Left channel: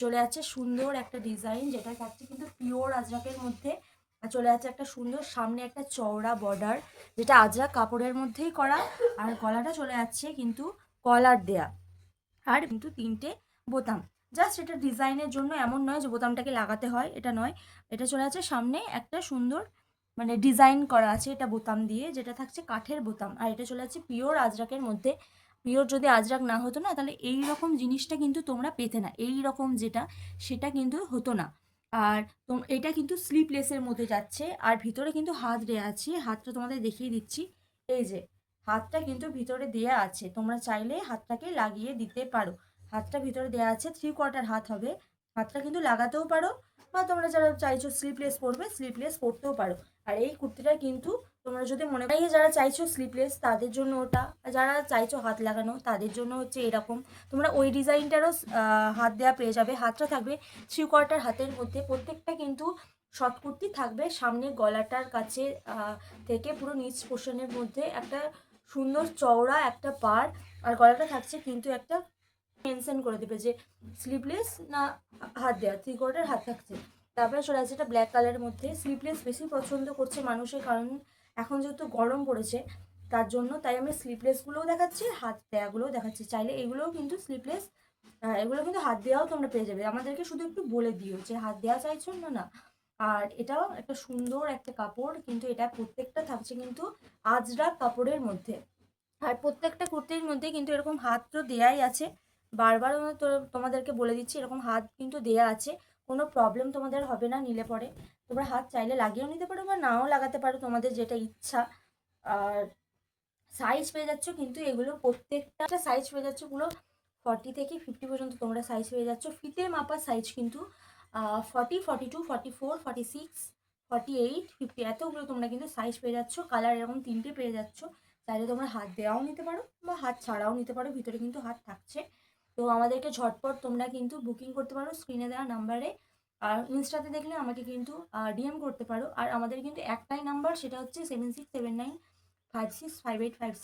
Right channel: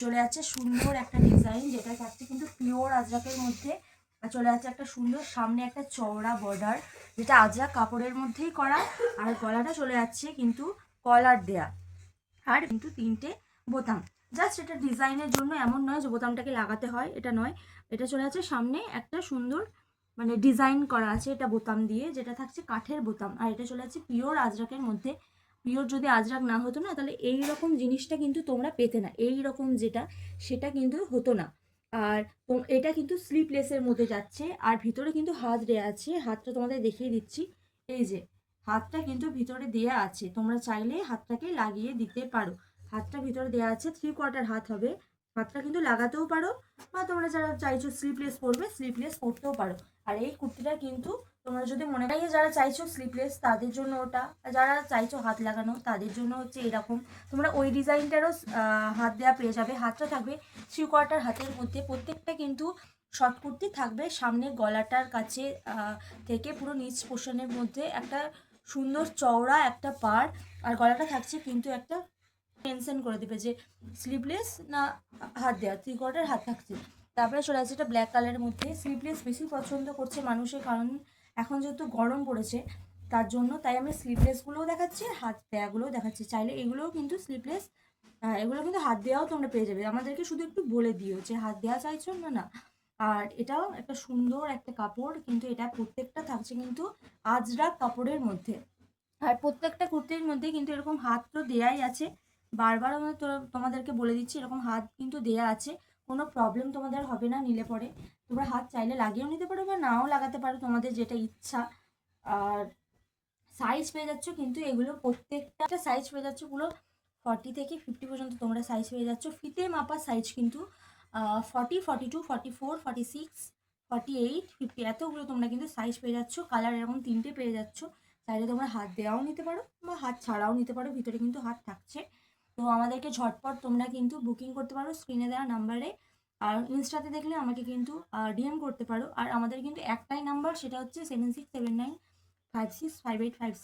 চলে যাচ্ছে সুন্দর একটা ডিজাইন, যেটা থাকছে কিন্তু পিওর আজরাকের মধ্যে। চলে যাচ্ছে একটা সুন্দর সামনে একটা চওড়া বর্ডার, যেটা আজরাক কাপড়ের মধ্যেই করা। আর গলাটা চলে যাচ্ছে কিন্তু কলার দেয়া, আর কিন্তু 3টে বোতাম। জাস্ট এটা ডিজাইনের জন্য, এমন নয় যে বোতামটাকে লাগাতে হয়, এটা নয়। এটা চলে যাচ্ছে সামনে একটা সুন্দর মানে ডিজাইন করা আছে এটা বোতাম দিয়ে, যেটা থাকছে কাঠের বোতাম। আর এটা চলে যাচ্ছে পিওর আজরাকের মধ্যে। পিওর যদি আজরাক না হতো না, তাহলে এই রকম জিনিসটা কিন্তু তোমরা পেতে না, এই রকম যেটা সেটা কিন্তু হতো না। আর এটা কিন্তু স্লিপলেসের মধ্যে যাচ্ছে, আর ভিতরে কিন্তু হাত দেয়া আছে। হাতটা তোমাদের দেখিয়ে দিচ্ছি, এই যে হাতটা কিন্তু ভিতরে দেয়া আছে, তোমরা চাইলে হাতটাকে লাগিয়ে দিতে পারো। হাতটা ভিতরে দেওয়া আছে, 3/4 হাত হবে। হাতটা কিন্তু লাগাতেও পারো, বা তোমরা যারা চাইছো স্লিপলেস পরবে স্লিপলেস পরতেও পারো। আর এই কুর্তিটা কিন্তু তোমরা যদি মনে করি যারা চাইছো স্লিপলেস তাদের জন্য ওটা, যারা চাইছো হাত লাগানো তাদের জন্য হচ্ছে এরকম। তোমরা ওই ডিজাইনটারও হাত দেওয়া পেয়ে যাবে। হাতটা থাকবে 3/4 হাতের মধ্যে। প্রত্যেকটা কিন্তু শর্ট কুর্তি থাকবে, সামনে গলাটার কাছে থেকে পুরো নিচ পোর্শনের মধ্যে একটা সুন্দর চওড়া একটা পাড়। আর গলাটা থাকছে কিন্তু একটা মেনশন করে দেবে যে স্লিভলেস না হাত দেওয়া, 3/4 হাত থাকছে। তারপরে চলে আসছে এটা ব্ল্যাক কালারের মধ্যে। স্লিভলেস বেশি পছন্দ করছে মানুষের, কারণ এখন যেহেতু গরম পড়েছে তার জন্য, তাই আমি স্লিভলেসগুলোও দেখাচ্ছি, হাত দেওয়াগুলোও দেখাচ্ছি। চাইলে এগুলোও কিন্তু স্লিভলেস, এগুলো কিন্তু হাত দেওয়াও তোমরা পেয়ে যাবে। আমাদেরকে শুধু একটু বলে দিও যে হাত দেওয়া চাইছো না না। আর এটাও একটা সুন্দর একটা কাপড়, কিন্তু এটা প্রত্যেকটা থাকছে কিন্তু আজরাক কাপড়ের মধ্যে। আর প্রত্যেকটা কুর্তির মধ্যে কিন্তু এরকম হাত তো দেয়াই আছে। বারবার আমি তো তোমাদেরকে বলে দিচ্ছি, এরকম হাত কিন্তু দেয়া আছে। কোনো প্রবলেম তোমাদের হবে না নিলে পরে। তোমরা হাত চাইলে লাগিয়েও নিতে পারো বা নাও লাগাতে পারো, তোমাদের যেটা ইচ্ছা। আর সাইজ পেয়ে যাচ্ছ কিন্তু এগুলো প্রত্যেকটা সাইজ পেয়ে যাচ্ছ পুরো 40 থেকে 50 পর্যন্ত তোমরা সাইজ পেয়ে যাচ্ছ। ফিতে মাপা সাইজ কিন্তু 40, 42, 44, 46, 48, 50 এতগুলো তোমরা কিন্তু সাইজ পেয়ে যাচ্ছ। কালার এরকম 3টে পেয়ে যাচ্ছ। চাইলে তোমরা হাত দেওয়াও নিতে পারো বা হাত ছাড়াও নিতে পারো, ভিতরে কিন্তু হাত থাকছে। তো আমাদেরকে ঝটপট তোমরা কিন্তু বুকিং করতে পারো স্ক্রিনে দেওয়া নাম্বারে। আর ইনস্টাতে দেখলে আমাকে কিন্তু ডিএম করতে পারো। আর আমাদের কিন্তু একটাই নাম্বার, সেটা হচ্ছে 7679565856।